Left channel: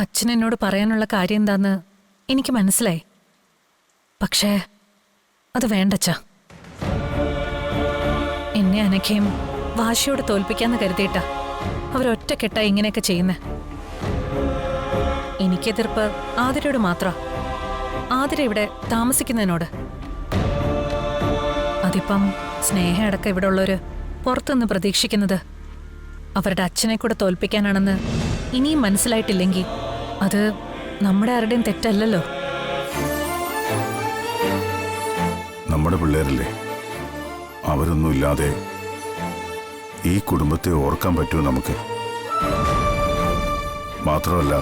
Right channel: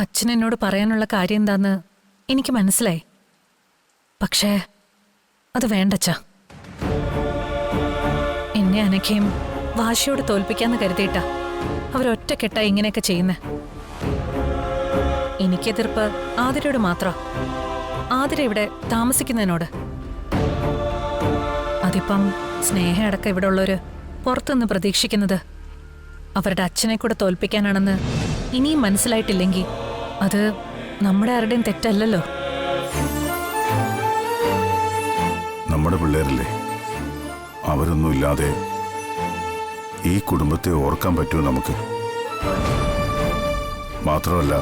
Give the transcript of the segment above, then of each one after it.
അച്ഛൻ എന്നോട് പറയാനുള്ള കാര്യം എന്താന്ന് എനിക്ക് മനസ്സിലായി. പക്ഷേ അത് വേണ്ടച്ചാ. എന്നെ അനഘയും വാശിയോട് തോൽപ്പിക്കാന്ന് കരുതിയിട്ടാ അവരൊറ്റക്കെട്ടാ ഇങ്ങനെയൊക്കെ ചെയ്യുന്നേ. എനിക്കെതിർപ്പ് ആതിരയോട് മാത്രം. ആതിര ഇവിടെ താമസിക്കുന്നതിനോട്. അതിപ്പം സ്നേഹം അടക്കം ഇവിടെ ഉള്ളവര് പുറത്തുനിന്ന് പ്രതീക്ഷിക്കുന്നത് അവരുടെ അച്ഛനെ കൂടെ തോൽപ്പിക്കാനാണെന്ന് ഇനിയും മനസ്സിലായിട്ടില്ലെങ്കിൽ അത് നമ്മുടെ ആരുടെയും തെറ്റല്ലല്ലോ. നമ്മുടെ പിള്ളേരല്ലേ, അവരൊന്നും ഇല്ലാതെ ഈ കുടുംബത്തെ ഓർക്കാൻ പറ്റുമോ നമുക്ക്? മാത്രമല്ല,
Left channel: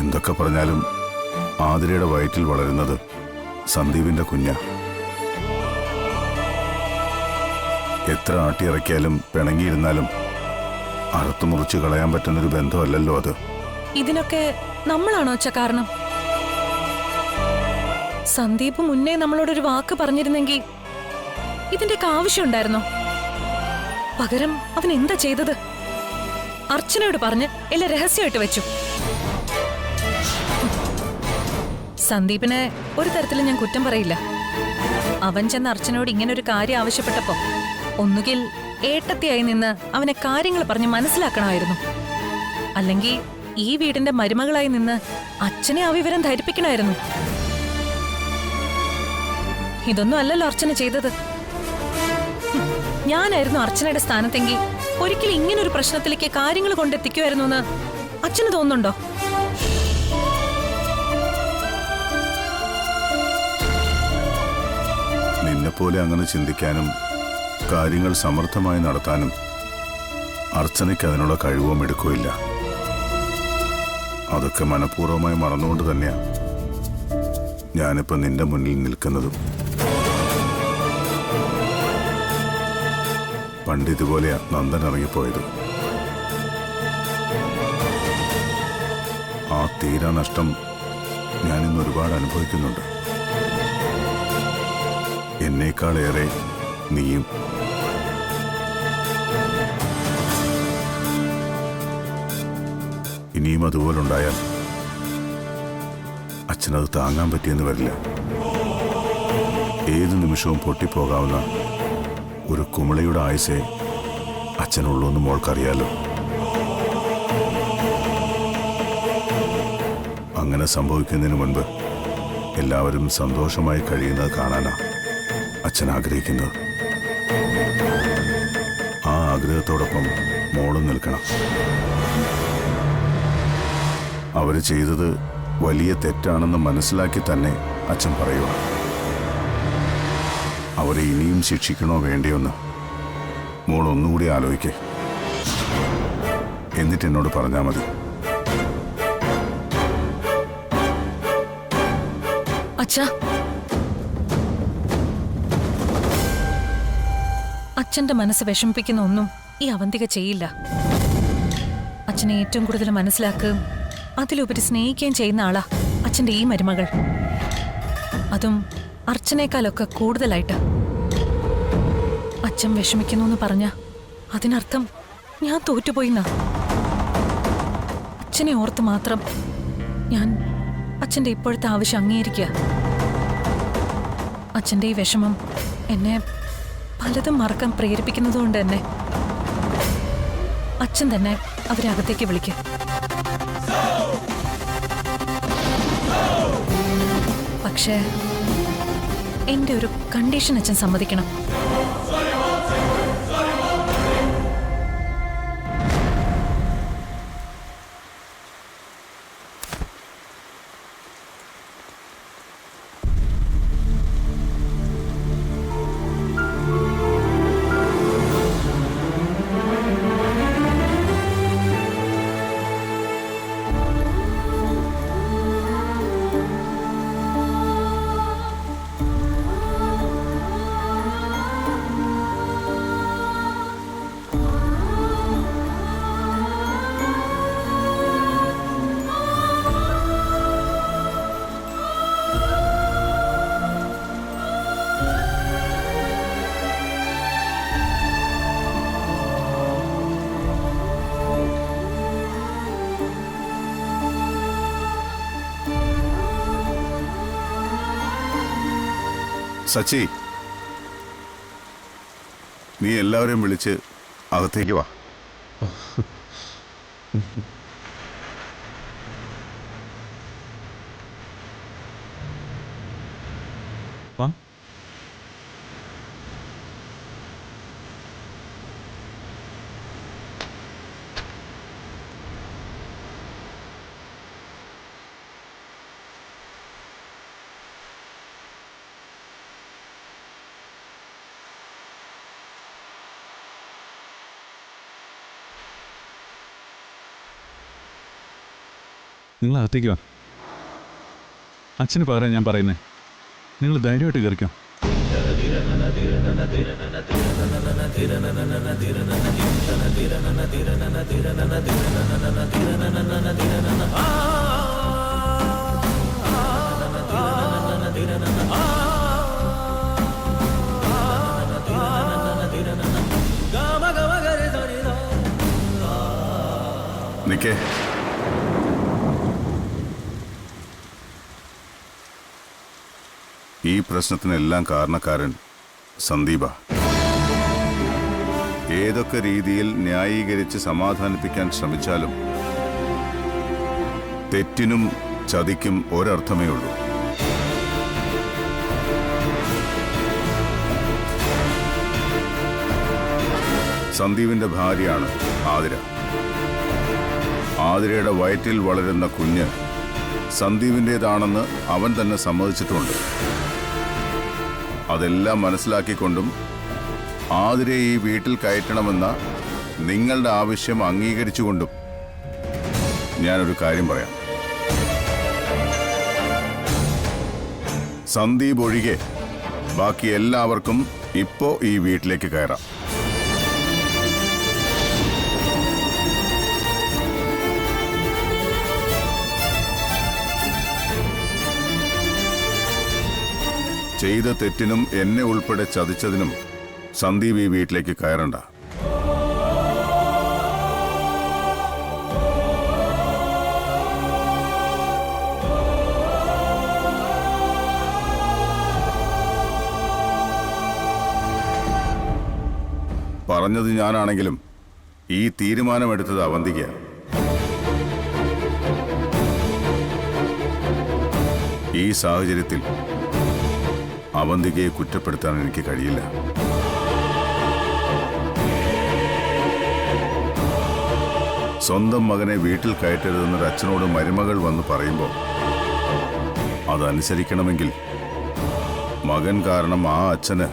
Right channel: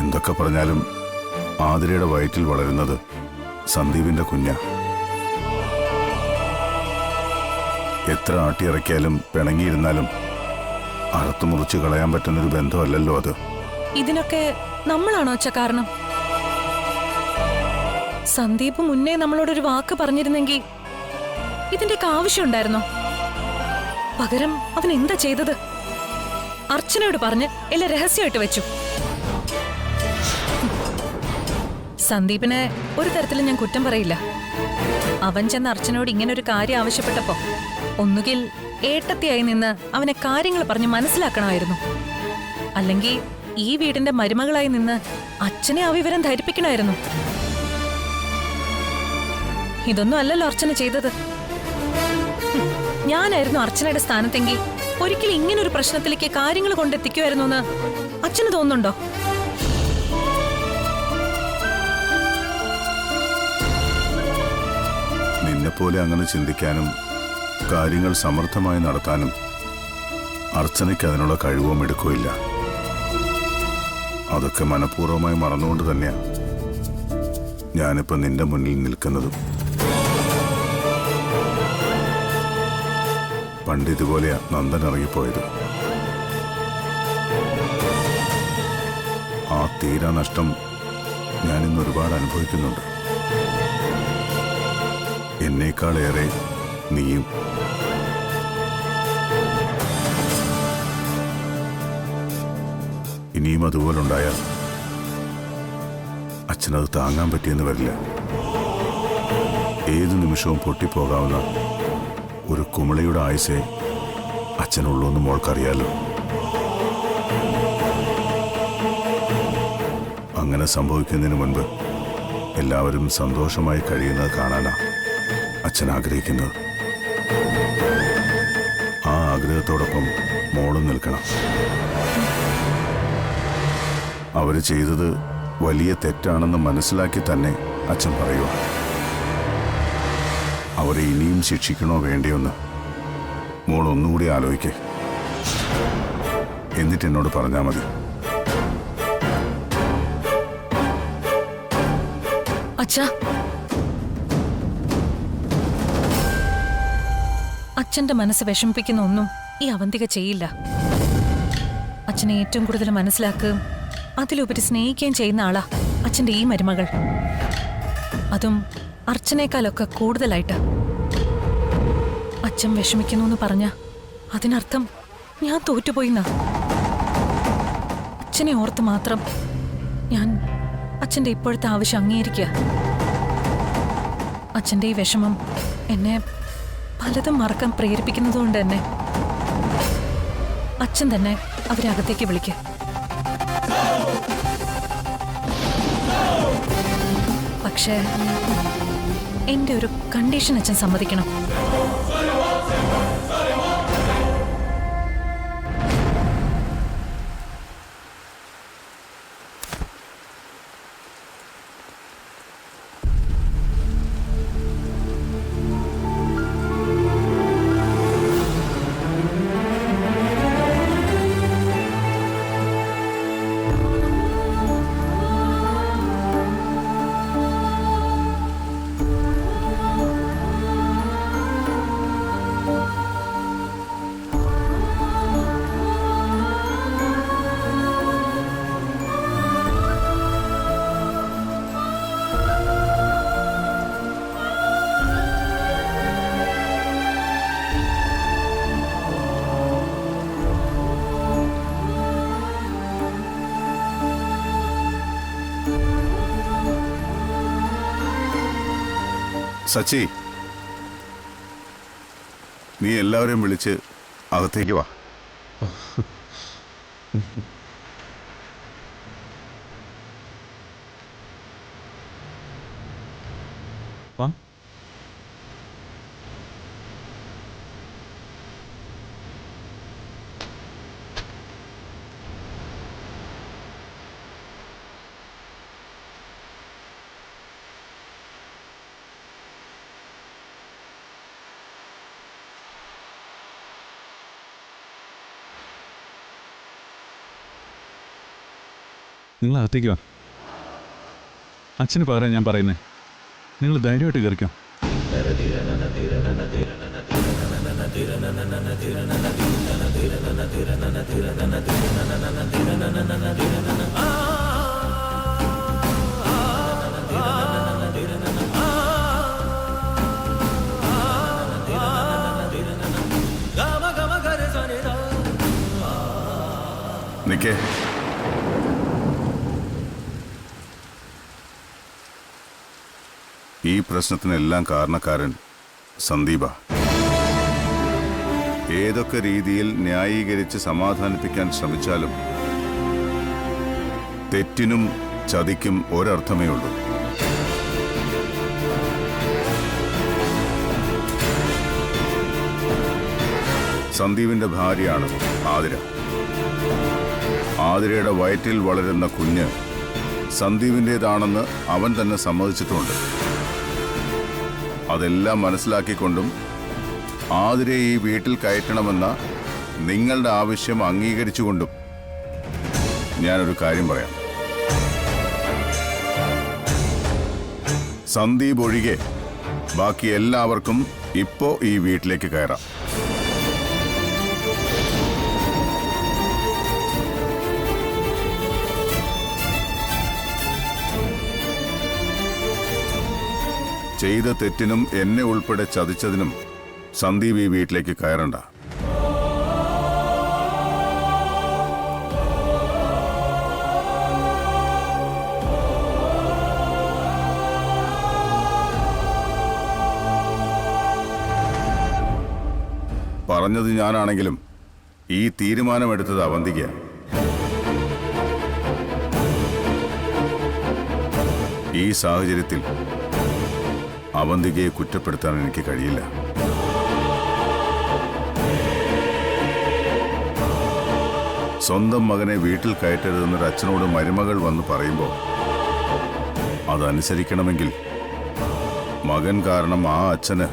എന്തൊക്കെ പറഞ്ഞാലും ആതിരയുടെ വയറ്റിൽ വളരുന്നത് സന്ദീപിന്റെ കുഞ്ഞാ. എത്ര ആട്ടിയിറക്കിയാലും പിണങ്ങിയിരുന്നാലും അറുത്തുമുറിച്ച് കളയാൻ പറ്റുന്നൊരു ബന്ധമല്ലല്ലോ അത്. ഇതിനൊക്കെ നമ്മളാണോ അച്ഛ കാരണം? സന്ദീപ് മുന്നേ നമ്മളോടൊരു വാക്ക് പറഞ്ഞിരുന്നെങ്കിൽ ഇതിന്റെയൊക്കെ ആവശ്യമുണ്ടായിരുന്നോ? പകരം അവൻ എന്താ ചെയ്തത്? അർച്ചനയോട് പറഞ്ഞ് എല്ലാം രഹസ്യമായിട്ട് വെച്ചു. സന്ദീപിനെ ഒരു തരത്തിലും ഞാൻ കുറ്റം പറയില്ല. അവൻ ചെന്ന് അർച്ചനയോട് ഇങ്ങനെ ഒരു കാര്യം ആവശ്യപ്പെട്ടപ്പോ ഒന്നുകിൽ ഏട്ടത്തിയായി നിന്ന് അവനെ കാര്യങ്ങൾ പറഞ്ഞ് മനസ്സിലാക്കണമായിരുന്നു, അല്ലെങ്കിൽ ഈ വീടിന്റെ മരുമകളായി നിന്ന് അച്ഛനെ ആ വിവരം ധരിപ്പിക്കണമായിരുന്നു. ഇതൊന്നും അല്ലല്ലോ അർച്ചന ചെയ്തത്. ഞാനായിരുന്നു അർച്ചനയുടെ സ്ഥാനത്തെങ്കിൽ ഒരിക്കലും ഇങ്ങനൊരു പ്രശ്നത്തിലേക്ക് കാര്യങ്ങൾ കൊണ്ടെത്തിക്കുമായിരുന്നു എന്ന് അച്ഛന് തോന്നുന്നുണ്ടോ? നിന്നെപ്പോലെ അങ്ങനെ ചിന്തിക്കാനും കാര്യങ്ങൾ സമർത്ഥമായി നടത്താനും അർച്ചനയ്ക്ക് അതിനുള്ള കഴിവോ എടുക്കുകയില്ല. അതൊക്കെ മനഃപൂർവ്വമായി മറന്നുകൊണ്ട് തന്നെയാ ഞാനിപ്പോ നിന്റെ മുന്നിൽ നിൽക്കുന്നതും. പണ്ട് ഇതുപോലെയാ നന്ദൻ ഇറങ്ങിപ്പോയത്. ആ തീരാ നഷ്ടം ഞാനിന്ന് ഒരുപാട് അനുഭവിക്കുന്നുണ്ട്. എന്നേക്കാളേറെ നീയും. ഇനിയും അതുപോലുണ്ടായാൽ അച്ഛനത് താങ്ങാൻ പറ്റിയെന്ന് വരില്ല. ഏതു നിമിഷവും പൊട്ടിപ്പോകാവുന്ന ഒരു കുമിളയുടെ ആയുസേ അച്ഛനുള്ളൂ എന്ന് മോൾക്കറിയാലോ. അങ്ങനെ സംഭവിക്കുന്നതിന് മുൻപ് എല്ലാവരും സന്തോഷമായി കഴിയുന്നത് കാണാനാ അച്ഛൻ ആഗ്രഹിക്കുന്നത്. ആ ആഗ്രഹത്തോടൊപ്പം മോളും നിൽക്കണം. അവര് ചെയ്തത് വലിയ തെറ്റാണെന്ന് മനസ്സിലാക്കി തന്നെ അച്ഛൻ പറയുക. അവരെ ഇനിയും ശിക്ഷിക്കണോ വേണ്ടിയൊന്ന് മോൾ ഒന്നുകൂടി ആലോചിക്കേ. എന്നിട്ട് എന്നോട് പറഞ്ഞാൽ മതി. അച്ഛാ, അച്ഛന്റെ മനസ്സ് വിഷമിപ്പിക്കുന്ന ഒന്നും ഈ അവന്തിക ചെയ്യില്ല. അച്ഛനെ ഏറ്റവും കൂടുതൽ മനസ്സിലാക്കുകയും അതിലുപരി സ്നേഹിക്കുകയും ചെയ്യുന്ന ആളാ അച്ഛന്റെ ഈ മരുമകൾ. അതും അർച്ചനേക്കാളൊക്കെ കൂടുതലായിട്ട്. അച്ഛൻ വിഷമിക്കുന്നു എന്ന് പറഞ്ഞ അതിനർത്ഥം ഞാൻ തോറ്റുപോയിന്നാ. അച്ഛനെ ഓർത്ത് മാത്രം ഞാൻ അച്ഛന്റെ ഇപ്പോഴത്തെ ആവശ്യം അംഗീകരിക്കുക. അച്ഛന്റെ ഈ വിഷമം എന്നെ പലതും മറക്കാൻ പ്രേരിപ്പിക്കുന്നതുകൊണ്ട് തന്നെ അച്ഛൻ തന്നെ അവരെ അകത്തേക്ക് വിളിക്കുക. പക്ഷേ എന്റെ ഒരു കണ്ടീഷൻ അച്ഛൻ സമ്മതിക്കണം. സച്ചി, നീ എല്ലാവരെയും വിളിച്ച് അകത്തേക്ക് വാ. വാ. നിങ്ങൾ അകത്തേക്ക് വാ. അച്ഛന് പകരം ഞാൻ പറയുന്നേ, നിങ്ങൾ ധൈര്യമായിട്ട് കയറിക്കോ. നിക്കേ. ഈ പ്രശ്നത്തിനെല്ലാം കാരണക്കാരൻ സന്ദീപ. ഏതൊക്കെ രീതിയിൽ ന്യായീകരിച്ച് സമാധാനിപ്പിക്കാൻ ശ്രമിച്ചാലും തെറ്റിനും ചതിക്കും ഒരർത്ഥമേ ഉള്ളൂ. സന്ദീപിന്റെ ഭാര്യയാണ് ആതിര. ആതിരയുടെ വയറ്റിൽ വളരുന്ന കുഞ്ഞ് സന്ദീപിൻ്റേതാണെന്ന് അവൻ തന്നെ സമ്മതിച്ചിട്ടുമുണ്ട്. അതെല്ലാം മനസ്സിലാക്കിക്കൊണ്ടും ആതിരയെ ഈ വീട്ടിൽ കയറ്റണമെന്ന നിങ്ങളുടെ ആവശ്യം അംഗീകരിച്ചുകൊണ്ടും ഞാനൊരു കാര്യം പറയാം. സന്ദീപ് ഒഴികെ ബാക്കി എല്ലാവർക്കും ഇപ്പോ ഈ വീട്ടിലേക്ക് കയറാം. ചെയ്ത തെറ്റിനും എന്നെ ഉൾപ്പെടെ ചതിച്ചതിനും സന്ദീപ് ഈ വീട്ടിലേക്ക് കയറണ്ട. പറഞ്ഞത് ഞാനാണെങ്കിലും ഈ തീരുമാനമെടുത്തത് അവന്തികയാണ്. ഈ സാഹചര്യത്തിൽ അവന്തികയെ കുറ്റപ്പെടുത്താൻ എനിക്ക് കഴിയില്ല. സ്വന്തം മകനെ വീട്ടിൽ കയറ്റരുതെന്നൊരു അച്ഛനോട് മരുമകൾ വന്ന് പറയുമ്പോൾ അതനുസരിക്കണമെങ്കിൽ മകൻ കാരണം ആ അച്ഛന്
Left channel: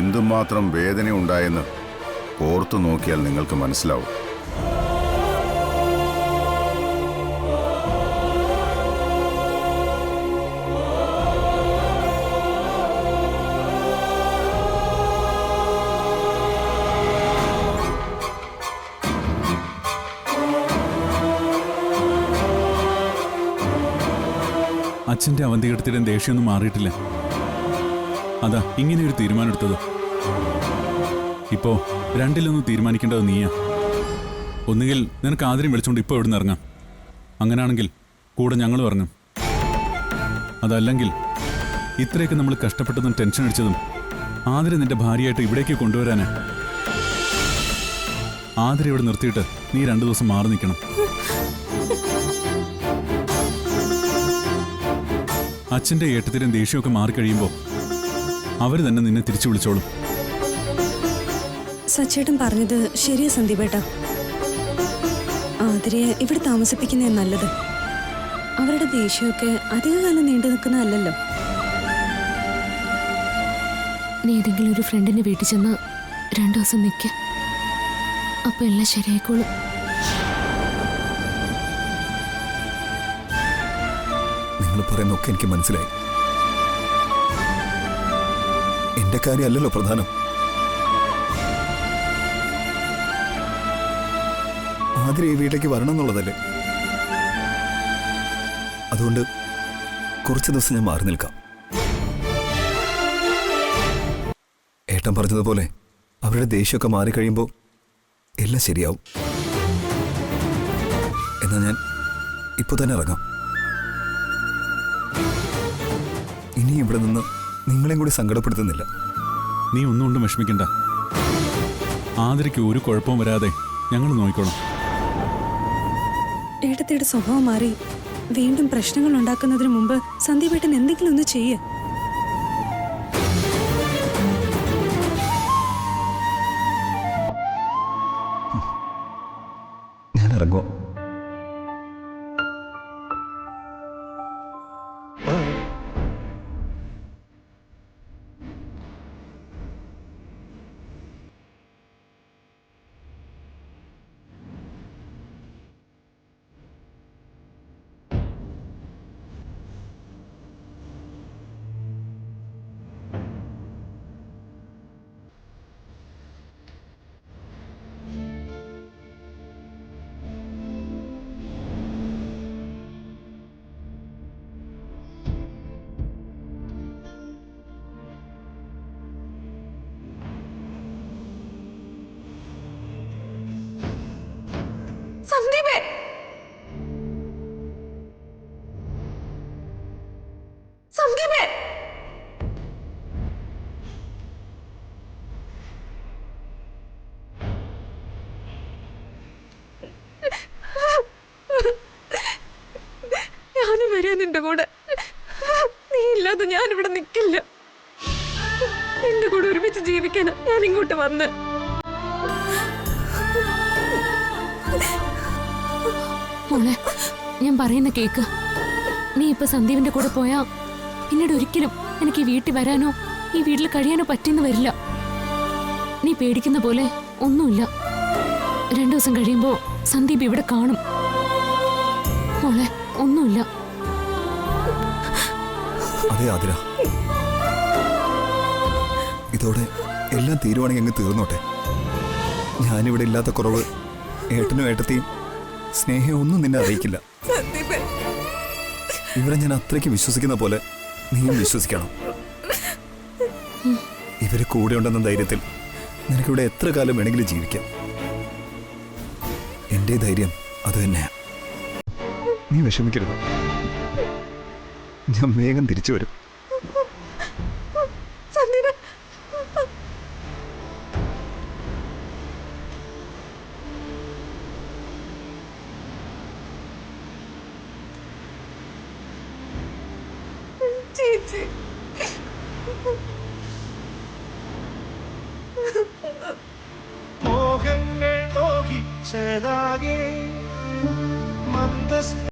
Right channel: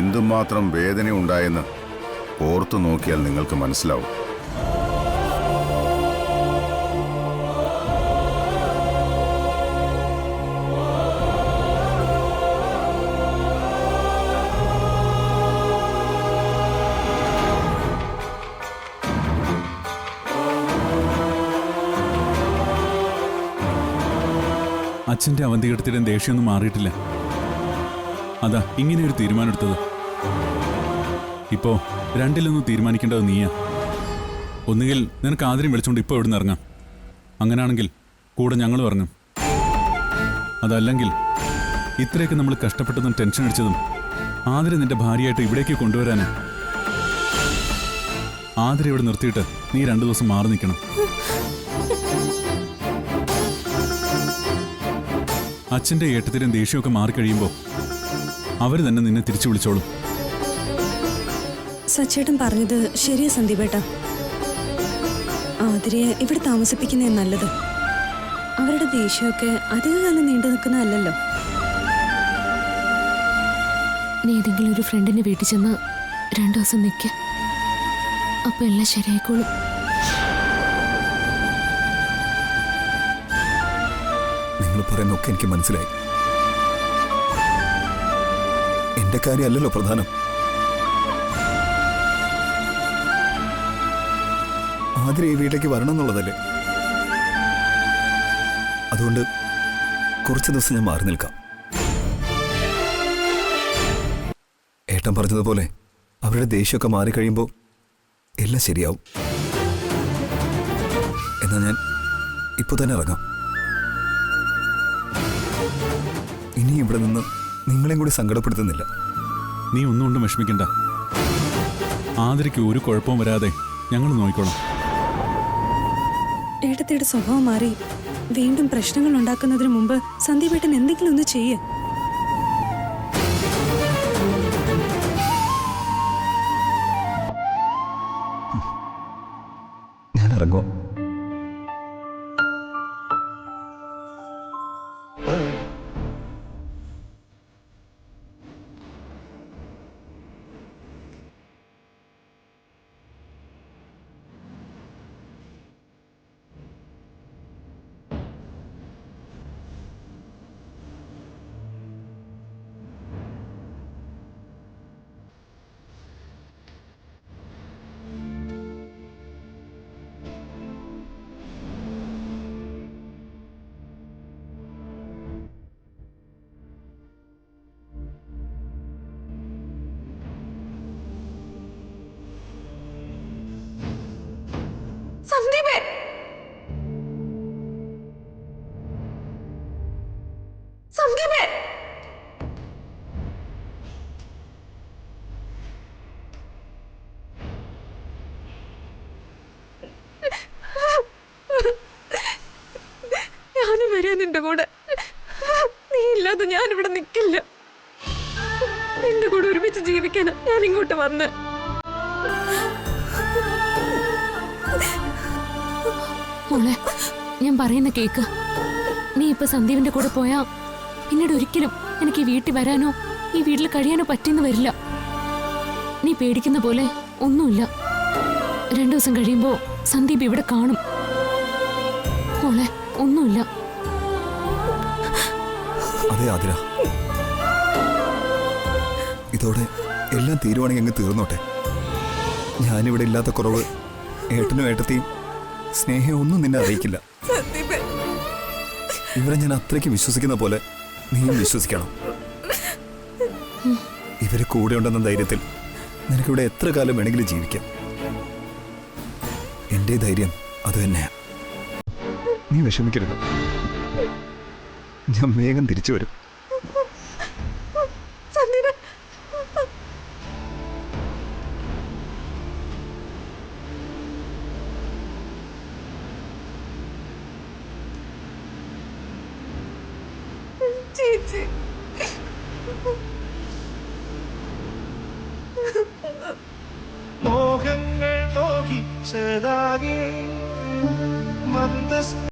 എന്തുമാത്രം വേദന ഉണ്ടായെന്ന് ഓർത്തു നോക്കിയാൽ നിങ്ങൾക്ക് മനസ്സിലാവും. അച്ഛൻ്റെ അവന്തികടത്തിലും ദേഷ്യമൊന്നും മാറിയിട്ടില്ല. അതാ ഇങ്ങനെയൊരു തീരുമാനം എടുത്തത്. ഇപ്പോ രണ്ടിലൊന്നും തീരുമാനിക്കേണ്ടത് നീയാ. ഒന്നുകിൽ നിനക്ക് ആദ്യം വിളിച്ചുകൊണ്ട് ഇപ്പോൾ ഇവിടുന്ന് ഇറങ്ങാം. അങ്ങനെയാണെങ്കിൽ കൂടെ ഞങ്ങളും ഇറങ്ങും. അതല്ലെങ്കിൽ ഇത്രയൊക്കെ നമ്മൾ കഷ്ടപ്പെട്ടതും ടെൻഷൻ അടിച്ചതും ആതിര നിന്റെ ഭാര്യയായിട്ട് ഇവിടേക്ക് കൊണ്ടുവരാനാ. ആതിര ഇവിടെ നിർത്തിയിട്ട് നീ 2 ദിവസം മാറി നിൽക്കണം. അച്ഛൻ്റെ ഏട്ടത്തിലും ദേഷ്യമൊക്കെ മാറിക്കഴിയുമ്പോൾ അവർ തന്നെ നിന്നെ തിരിച്ചു വിളിച്ചോളും. സച്ചേട്ടൻ പറഞ്ഞത് ശരിയാ സന്ദീപേട്ട. ആതിരയെ ഇവിടെ താമസിപ്പിക്കുന്നേ നല്ലത്. അവരുടെ ദേഷ്യമൊക്കെ അധികകാലം നീണ്ടു നിൽക്കുന്നതല്ലോ. നീ ഏതെങ്കിലും ഒരു ഫ്രണ്ടിന്റെ വീട്ടിൽ ചെന്ന് 2 ദിവസം നിൽക്ക. അപ്പൊ എല്ലാം ശരിയായിക്കോളും. നിങ്ങൾ പറയുന്നൊക്കെ എനിക്ക് മനസ്സിലായി. എന്റെ കാര്യമല്ലല്ലോ പ്രധാനം. ആതിര ഈ വീട്ടിലേക്ക് വരണം എന്നുള്ളതല്ലേ. അതുകൊണ്ട് കുറച്ച് ദിവസം ഞാൻ മാറി നിൽക്കാം. ഏട്ടൻ പറഞ്ഞതുപോലെ അവരുടെ ദേഷ്യമൊക്കെ മാറിക്കഴിയുമ്പോൾ എല്ലാം ശരിയാവും. എന്നാ ഞാൻ ഇപ്പോൾ തന്നെ ഇറങ്ങാം. ഇനി ഇവിടെ നിന്ന് നിങ്ങളെയും കൂടി സങ്കടപ്പെടുത്തുന്നില്ല. നീ ഒന്നുകൊണ്ടും വിഷമിക്കണ്ട. ആതിരയ്ക്ക് ഒരു കുഴപ്പവും വരാതെ ഞങ്ങൾ നോക്കിക്കോളാം. ഏട്ടത്തിയുടെ സ്വഭാവം മാറി വീണ്ടും പ്രശ്നങ്ങൾ ഉണ്ടാക്കുന്നതിന് മുമ്പ് സന്ദീപേട്ടൻ എന്തെങ്കിലും ഒന്ന് ചെയ്യ്. ഞാൻ ഇറങ്ങുമോ? സന്ദീപേ, സന്ദീപേ, ഞാനും വരാൻ നിന്റെ കൂടെ. നീ ഇല്ലാതെ ഞാനിവിടെ നിൽക്കില്ല. നിന്റെ കൂടെ ഒരുമിച്ച് ജീവിക്കാനാ ഞാൻ ഇങ്ങോട്ട് വന്ന്. മോളെ, ഞാൻ പറയുന്ന കേക്ക്. നീ ഇപ്പൊ സന്ദീപിന്റെ കൂടെ പോയാ പിന്നീട് ഒരിക്കലും എനിക്ക് ഈ വീട്ടിൽ വരാനോ ഈ വീട്ടിൽ കഴിയാനോ പറ്റിയെന്ന് വരില്ല. നീ പേടിക്കുന്ന പോലെ ഒന്നുമില്ല. 2 ദിവസം കഴിയുമ്പോ സന്ദീപ് ഇവിടെ കാണും. മോളെ, ഒന്നുമില്ല. അതെ ആതിര, ഇതോടെ എല്ലാം തീരുവാണെങ്കിൽ അങ്ങ് തീർന്നോട്ടെ. ഞാനിവിടെ ഇല്ലാത്ത കുറവ് ഏട്ടനും ഏട്ടത്തെയും സ്നേഹം ഒന്നും നിന്നെ അറിയിക്കില്ല. ഇവരെ ഞാൻ അത്രയ്ക്ക് വിശ്വസിക്കുന്ന പോലെ നീയും വിശ്വസിക്കണം. ഇവര് കൂടെ ഉണ്ടെന്ന ധൈര്യത്തിൽ നിനക്കിവിടെ എത്ര കാലം വേണമെങ്കിലും ജീവിക്കാം. എന്റെ ധൈര്യം അത് തന്നെയാ. നീ വിഷമിക്കരുത്, ഞാൻ വേഗം തിരിച്ചു വരും. ചേച്ചി, മോഹങ്ങൾ മോഹിച്ചതാകെ മന്ദസ്ത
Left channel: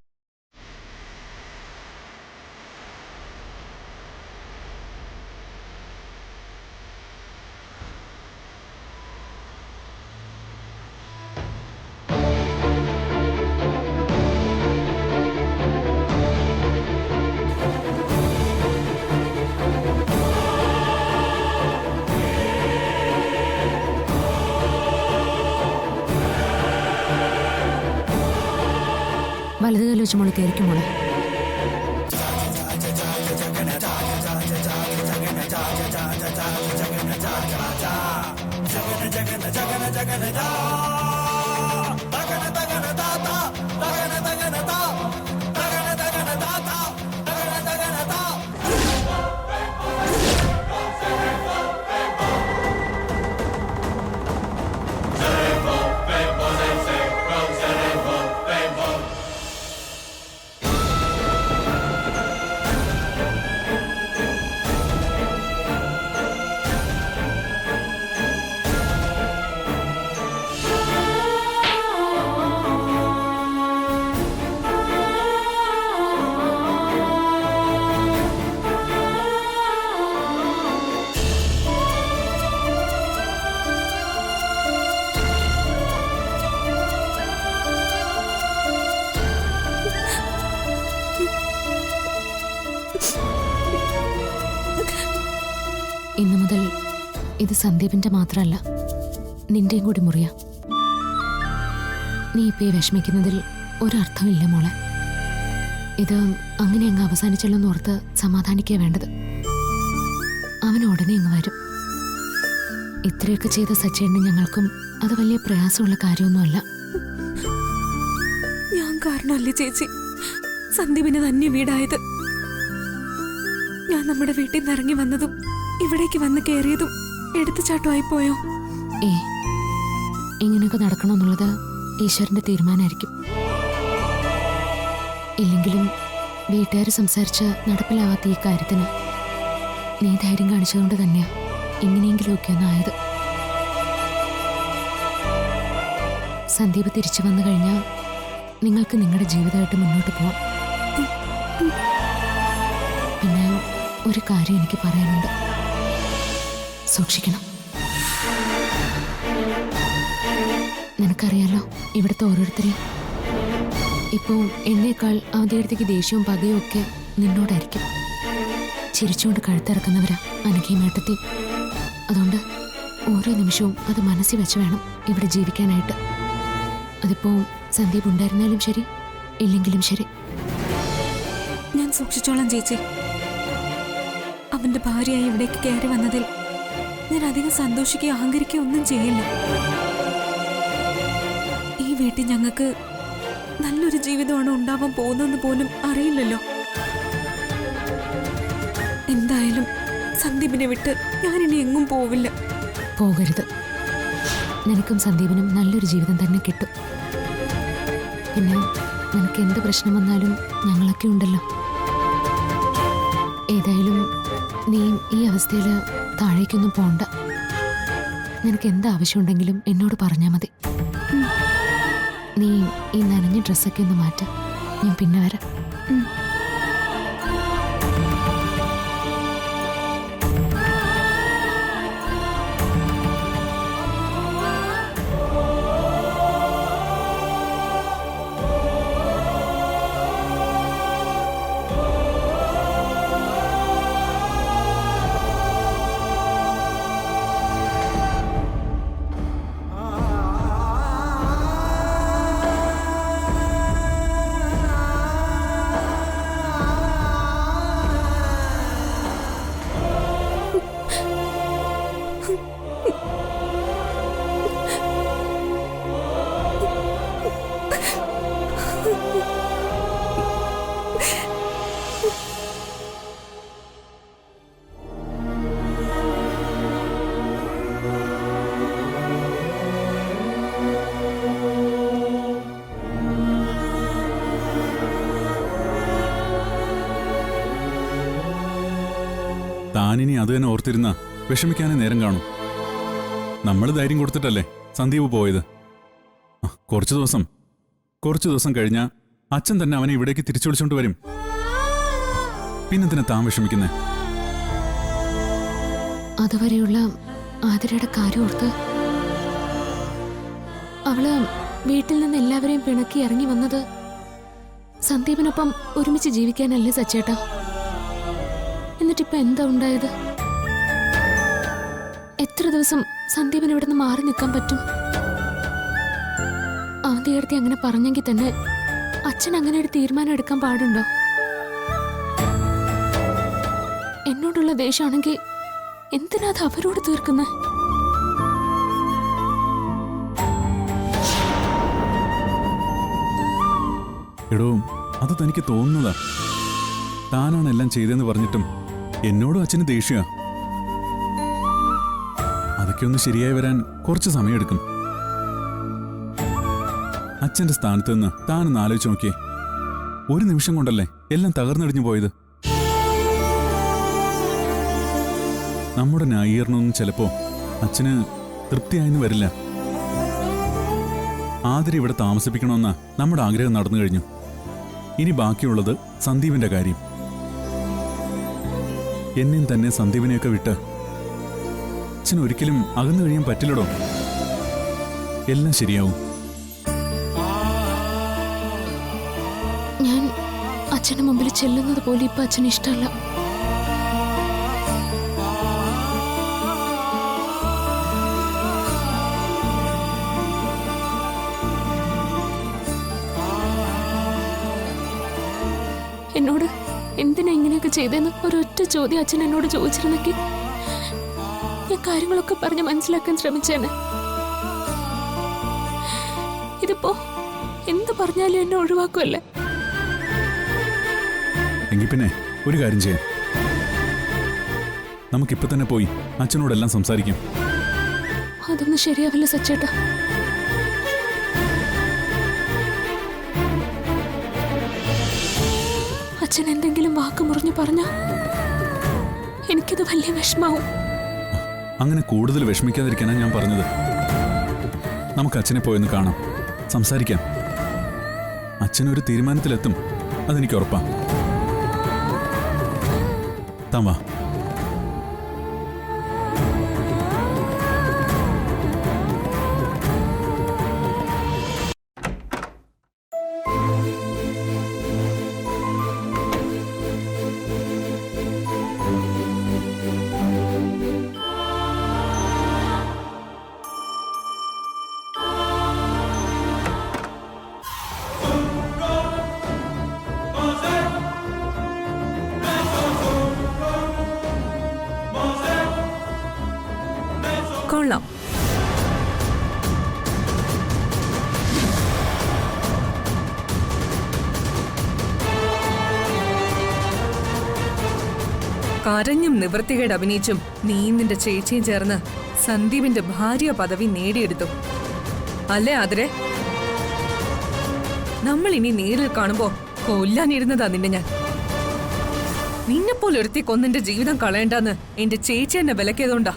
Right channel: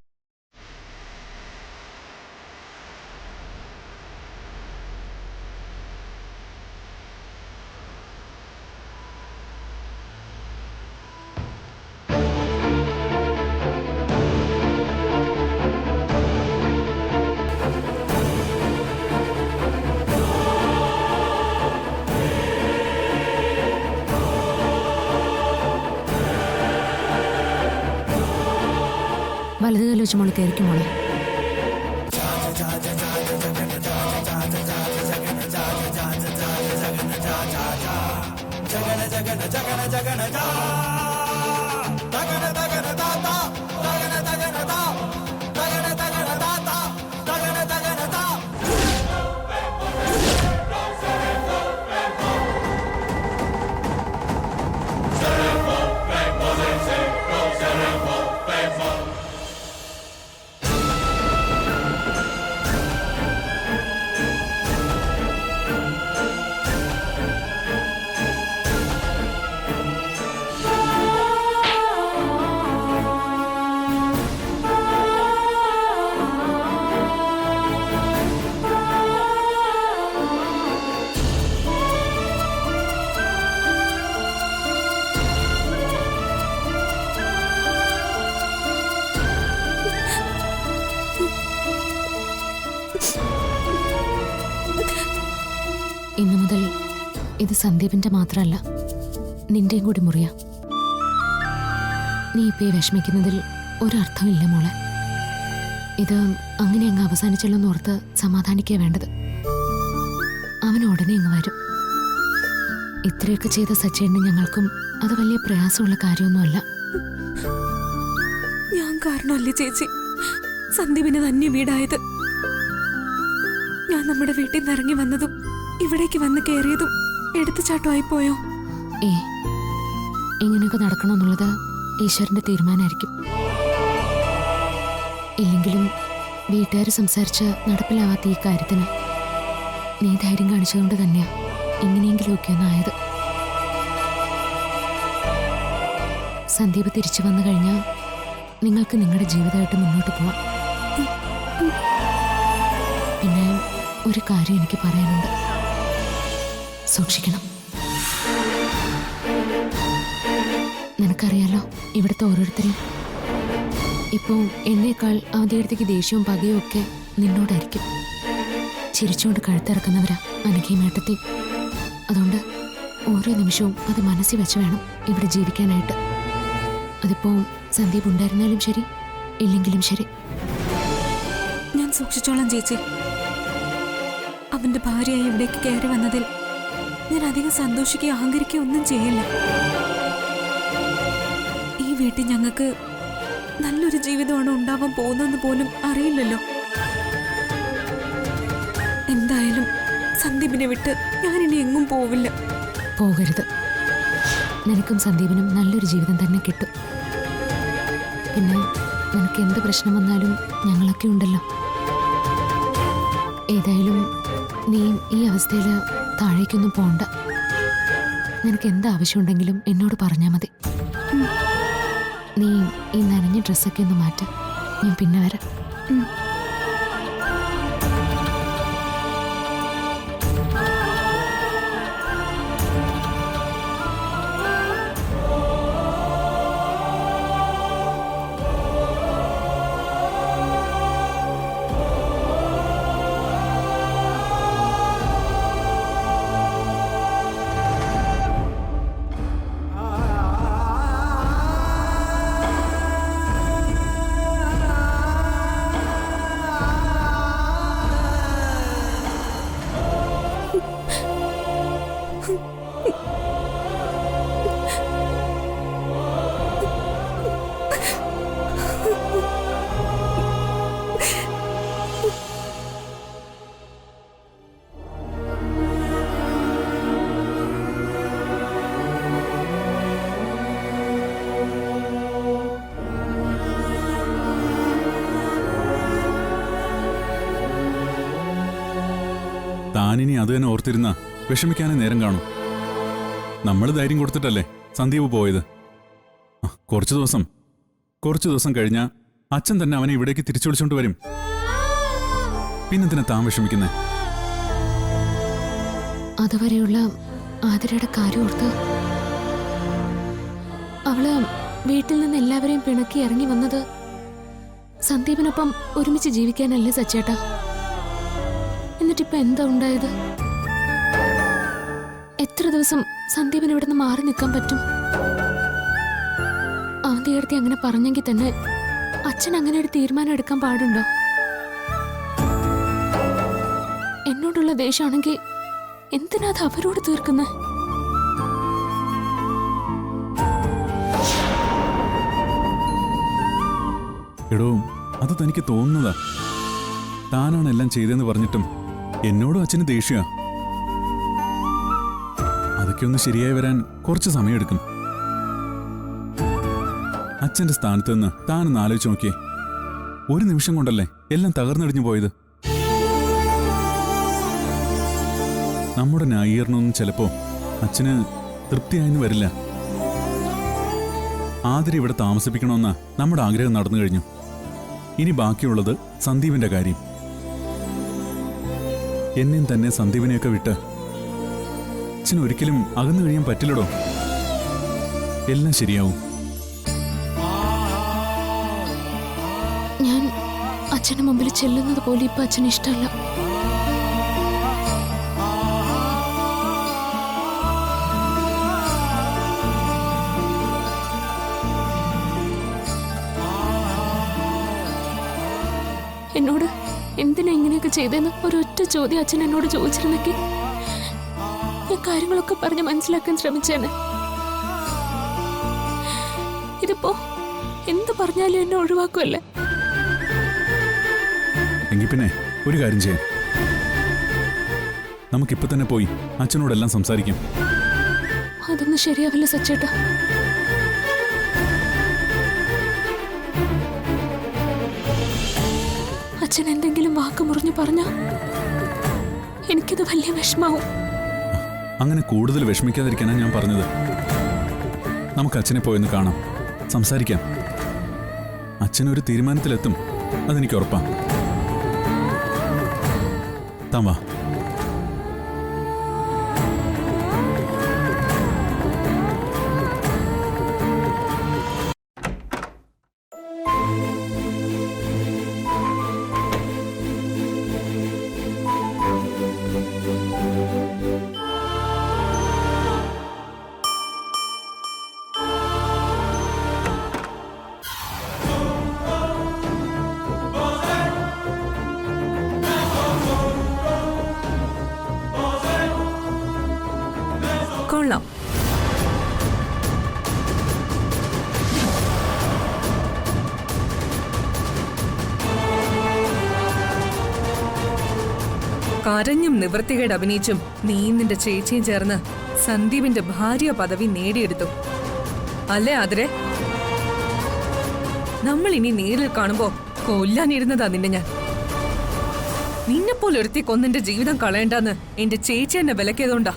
വലതുകാലം വെച്ച് മോളെ കയറിക്കും മോളെ. ഇന്നു മുതൽ ഇത് സന്ദീപിന്റെ മാത്രമല്ല, നിന്റെയും കൂടി മുറിയാ. നീ ഇപ്പൊ ഈ വിഷമിക്കുന്നതിൽ ഒരർത്ഥമില്ല മോളെ. ഇത് അങ്ങനെ അങ്ങ് അവസാനിച്ചല്ലോ എന്നോർത്ത് സമാധാനിക്കുക വേണ്ടത്. അവൻ ഉടനെ അങ്ങ് വരും. ഇത്രയൊക്കെ ചെയ്ത സച്ചേട്ടന് ഞങ്ങൾക്കും അത് വലിയ പ്രയാസമുള്ള കാര്യമൊന്നുമല്ല. ഞാൻ കാരണമല്ലേ ചേച്ചി സന്ദീപിന് തന്നെ വീടായത്. ഞാൻ നമ്മുടെ വീട്ടിൽ നിന്ന് ഇറങ്ങി വന്നതും ഇവിടേക്ക് വന്ന് കയറിയതും എടുത്തുചാട്ടമായി പോയോ? ഇങ്ങനെയൊക്കെ നടക്കണമെന്നുള്ളത് ഈശ്വരന്റെ തീരുമാനമായിരിക്കും. ഇല്ലെങ്കിലും വീട്ടുകാർ സംസാരിച്ച് നടപ്പിലാവാത്ത ഈ കാര്യത്തിന് നീ ധൈര്യം കാണിച്ചതുകൊണ്ട് തന്നെയാ എങ്ങനെയെങ്കിലുമൊക്കെ ഒന്നായത്. സന്ദീപ് തിരിച്ചു വന്നു കഴിഞ്ഞാൽ നിങ്ങൾക്ക് നിങ്ങളുടെ ജീവിതമായിട്ട് മുന്നോട്ട് പോവാം. പിന്നെ ഒരു കാര്യം എനിക്ക് പറയാനുണ്ട്, സൂക്ഷിക്കണം. നിനക്കറിയാലോ ഇവിടുത്തെ ഓരോരുത്തരെയും. ഇപ്പോൾ എന്നേക്കാൾ അവധിയെടുത്തേക്ക് ദേഷ്യവും പകയും ഒക്കെ നിന്നോടായിരിക്കും. ചിരിച്ചുകൊണ്ട് കഴുത്തിറക്കുന്നവരാ അനഘയും ഏട്ടത്തി. അതുകൊണ്ട് ഓരോ നിമിഷവും അത് മനസ്സിൽ വെച്ച് വേണം ഇവിടെ ജീവിക്കാനായിട്ട്. അതിപ്പോ സന്ദീപ് ഉണ്ടായിരുന്നാലും ശരി, ഇല്ലെങ്കിലും ശരി. ഞാൻ സൂക്ഷിച്ചോളാം ചേച്ചി. അവന്റെ ഭാര്യയായി ഇവിടേക്ക് കയറി വന്നതിൽ ഞാൻ അധികം സന്തോഷിക്കുകയോ അഹങ്കരിക്കുകയോ ഒന്നും ചെയ്യില്ല. ഈ വീട്ടിൽ ഞങ്ങൾക്ക് നല്ലൊരു ജീവിതമാണ് ഉണ്ടാവാൻ പോകുന്നതെന്ന് പോലും അറിയില്ലല്ലോ. എന്തായാലും സന്ദീപിനെ വിട്ട് ഞാനിനി എങ്ങും പോവില്ല. പോകരുത്. നിനക്കും സന്ദീപിനും നല്ലൊരു ജീവിതം തന്നെ കിട്ടും. പിന്നെ നിനക്ക് എന്ത് പ്രശ്നം വന്നാലും ഞങ്ങളൊക്കെ ഉണ്ടല്ലോ. ഏതായാലും നീ ഈ അവസ്ഥയിൽ താഴേക്കൊന്നും പോണ്ട. നിനക്ക് എന്ത് ആവശ്യമുണ്ടെങ്കിലും എന്നോട് പറഞ്ഞാൽ മതി. നീ ഈ നനഞ്ഞ ഡ്രസ്സൊക്കെ ഒന്ന് മാറ്റ, ഞാൻ പിന്നെ വരാം. താനിനി അത് തന്നെ ഓർത്തിരുന്ന വിഷമിക്കാനേ നേരം കാണും. നമ്മൾ ധൈര്യം കൊടുത്തിട്ടല്ലേ സന്ദീപ് പോയത്. കുറച്ചു ദിവസം കഴിഞ്ഞാൽ അച്ഛൻ തന്നെ അവനെ ഇവിടേക്ക് തിരിച്ചു വിളിച്ചോണ്ട് വരും. പിന്നെന്തിനാ താൻ വിഷമിക്കുന്നേ? അതുവരെയുള്ള ആതിരയുടെ കാര്യം ഓർത്ത് അവള് വീട്ടിൽ നിന്ന് എല്ലാവരെയും പിണക്കി ഇറങ്ങി വന്നത് സന്ദീപിനൊപ്പം ഒരുമിച്ച് ജീവിക്കാനല്ലേ സച്ചേട്ടാ? എന്നിട്ടിപ്പോ എന്താ ഉണ്ടായത്? എത്ര ദിവസം സന്ദീപിന് ഇവിടുന്ന് മാറി നിൽക്കാൻ പറ്റും? അവന്തിയെടുത്തി അങ്ങനെ പറഞ്ഞെങ്കിൽ തന്നെ അച്ഛൻ അങ്ങനെ ഒരു തീരുമാനം എടുക്കാൻ പാടുണ്ടോ? എന്നോടുള്ള ദേഷ്യമാണെങ്കിൽ എന്തിനാ അത് അവരോട് തീർക്കുന്നത്? എടോ, അത് തനിക്ക് തോന്നുന്നതാ. താനാണ് എല്ലാം ചെയ്തെന്ന് പറഞ്ഞിട്ടും എന്നോടും അച്ഛന് ദേഷ്യ. അതൊക്കെ ഒന്ന് ശരിയായി വരാൻ കുറച്ച് സമയമെടുക്കും. അച്ഛന്റെ സ്ഥാനത്ത് നിന്ന് താനൊന്ന് ആലോചിച്ച് നോക്കിയേ. ഒരു നിമിഷം കൊണ്ടല്ലേ എല്ലാം തകർന്നടിഞ്ഞു പോയത്. നമ്മുടെ ന്യായീകരണമൊന്നും ചിലപ്പോ അച്ഛന് തൃപ്തിയായെന്ന് വരില്ല. ആതിര ഇവിടെ താമസിപ്പിക്കണമെന്ന നമ്മുടെ ആഗ്രഹം നടന്നു കഴിഞ്ഞു. ഇനി ബാക്കിയുള്ളത് സന്ദീപിന്റെ കാര്യം. എന്നെയും തന്നെ സന്ദീപിനെയൊക്കെ വിട്ട് അച്ഛന് ഒരിക്കലും അകന്നു കഴിയാൻ പറ്റില്ലടോ. എല്ലാം ശരിയാവും. ഞാൻ അച്ഛന് മുമ്പിൽ ചെല്ലുന്നത് പോലെ ഇപ്പൊ അച്ഛന് ഇഷ്ടമല്ല. എന്നോട് എന്തിനാ ഇങ്ങനെയൊക്കെ ചെയ്തെന്ന് ഒരൊറ്റ ചോദ്യം അച്ഛൻ എന്നോട് ചോദിച്ചിരുന്നെങ്കിൽ ഞാൻ കാര്യങ്ങളൊക്കെ പറഞ്ഞ് മനസ്സിലാക്കാൻ ശ്രമിച്ചേനെ. ഇതിപ്പോ എന്ത് പറഞ്ഞാലും എന്നെ ഒഴിവാക്കുമല്ലേ? എങ്കിൽ പിന്നെ ഒരു കാര്യം ചെയ്യാം. നമുക്കിപ്പോ തന്നെ പോയി അച്ഛനോടെല്ലാം സംസാരിക്കാം. അതൊന്നും ശരിയാവില്ല സച്ചേട്ടാ. അച്ഛൻ എന്തെങ്കിലും വാക്ക് മുറിഞ്ഞു പറഞ്ഞ എനിക്കത് വലിയ വിഷമാവും. അങ്ങനെ കൂടുതൽ വിഷമിക്കാതിരിക്കാനാണ് ഞാൻ പറഞ്ഞത്. നമുക്ക് അച്ഛനെ പോയെന്ന് കാണാം, സംസാരിക്കാം. അച്ഛനൊരു തീരുമാനത്തിലെത്തും, അതെനിക്ക് ഉറപ്പാ. താൻ വാ. കൊള്ളാം. കരഞ്ഞും നിവൃത്തികേട് അഭിനയിച്ചും നീ നിന്റെ ചേച്ചിയും ചേർന്ന് സന്ദീപിന്റെ ഭാര്യ പദവി നേടിയെടുത്തു അല്ലേ ആതിരെ? നമ്മൾ ഇനി നേരിൽ കാണുമ്പോ കൊല്ലാനിരുന്നതാ നിന്നെ ഞാൻ. നിന്നെപ്പോലെ ഒരുത്തി കൊന്നെന്റെ ജീവിതം കളയണ്ടെന്ന് എന്റെ ചേച്ചി എന്നെ വിലക്കിയതുകൊണ്ടാ